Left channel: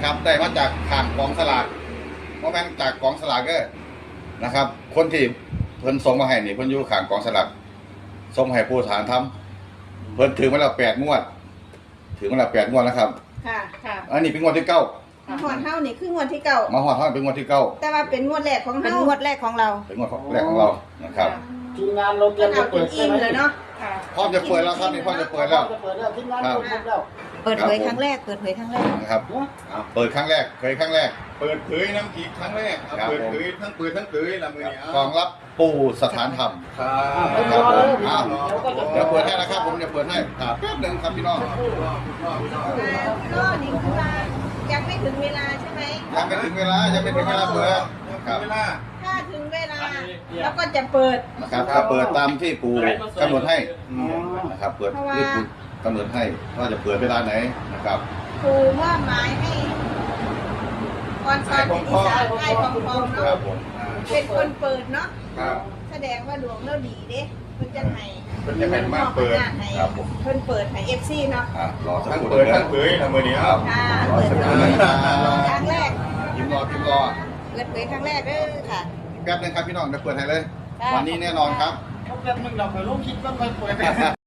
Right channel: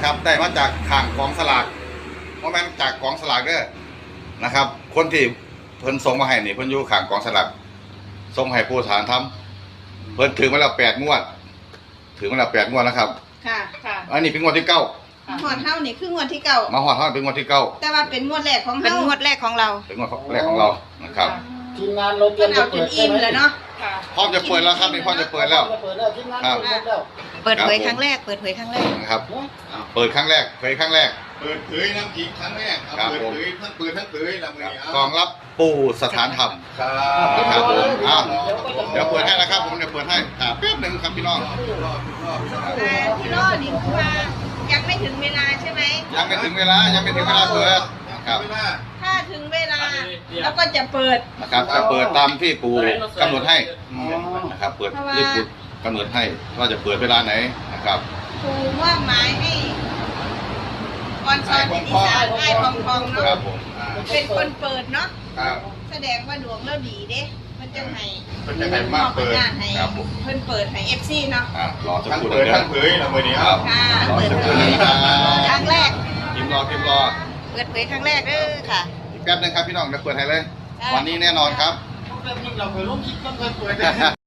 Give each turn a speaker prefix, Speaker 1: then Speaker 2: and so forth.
Speaker 1: นะครับได้มาจากข้างกองสลากเพราะแม่นจากกองสลากเด้อนะครับ คนที่เพิ่นส่งมาให้นี่เพิ่นอยู่ข้างกองสลากส่งให้ผู้ฐานทำเพิ่นถือมาแล้ว8 งวดถือมาแล้ว8 งวดแล้วครับ
Speaker 2: ค่ะค่ะ
Speaker 1: อันนี้เป็นงวดที่9
Speaker 2: หอดเท่านี่คืองวดที่เก่า
Speaker 1: มาฮอดเป็นงวดที่9
Speaker 2: แต่ว่าเป็นงวดแรกของ
Speaker 3: เป็น
Speaker 2: เฮาง
Speaker 3: วดแรกของเรา
Speaker 1: เป็นงวดแรกของเรานะครับ
Speaker 4: ทีมงานเราเตรียม
Speaker 2: เอา
Speaker 4: จะ
Speaker 2: จ
Speaker 4: เปิ
Speaker 2: น
Speaker 4: ด
Speaker 2: อิ่มเลยเนาะ
Speaker 3: ค่ะ
Speaker 1: พร้อมจะเปิดแล้วครับนี่พร้อมจะเปิดแล้ว
Speaker 4: จะเปิดแล้วทีมงานเตรียมแล้ว
Speaker 3: เปิดเผยครั้งแรก เปิดเผยครั้งแรก
Speaker 1: นะครับเปิดครั้งแรกเผยครั้งแรก
Speaker 5: เปิดเผยน้ำจีครั้งแรก
Speaker 1: ครับ
Speaker 5: เปิด
Speaker 1: ผม
Speaker 5: เผยทั้งเปิดทั้งเผยละมือนี้
Speaker 1: กองรับปู่สถานธรรม
Speaker 5: ครับ
Speaker 1: ครับผมอ้าวเดี๋ยวเปิดให้นะครับผมเดี๋ยวเปิดให้ครับแป๊บหนึงครับพี่น้อง
Speaker 2: ที่รอดนี่คือว่ายังไม่ถึงเวลาใช่ไหม
Speaker 1: ยังไม่ถึงเวลาเปิดครับ
Speaker 5: เวลา
Speaker 2: ถ้าถึงเวลาแล้วก็จะเปิด
Speaker 1: นะครับจะเปิดตามที่ปู่กำหนดให้
Speaker 4: อ๋อ
Speaker 1: นะครับเปิดที่ปู่กำหนดให้ว่าจะเปิดเวลาไหนนะครับ
Speaker 2: ครูมอบหมายให้ออนซอนเป็นอีสานไอ้ทองทอง
Speaker 1: ครั
Speaker 2: เนาะ
Speaker 1: บผม
Speaker 2: เป็นคนเปิดเนาะ
Speaker 5: ครับ
Speaker 2: แสดงว่าดวงเราดีเด้เพิ่นจังไห้
Speaker 5: เป็นยังไงมากเปิด
Speaker 2: ให้
Speaker 1: ครับผม
Speaker 2: เพิ่นเปิดให้ FC เนาะ
Speaker 1: รอสัก
Speaker 5: ทั้ง
Speaker 1: ครู่
Speaker 5: เปิ
Speaker 1: เดี
Speaker 5: ด
Speaker 1: ยว
Speaker 5: ทั้งเผยละมือนี้
Speaker 1: ค
Speaker 5: ค
Speaker 1: รั
Speaker 5: รั
Speaker 1: บบ รอสักครู่นึงนะครับ
Speaker 2: ครั้งแรก
Speaker 1: พิมพ์รอ
Speaker 3: เปิดเผยครั้งแรกเด้อค่ะ
Speaker 1: อีกแป๊บนึงครับพี่น้องเดี๋ยวเปิดให้เลย วันนี้แน่นอนครับ
Speaker 4: แป๊บนึงเราไปร่วมคิดต้องไปเปิด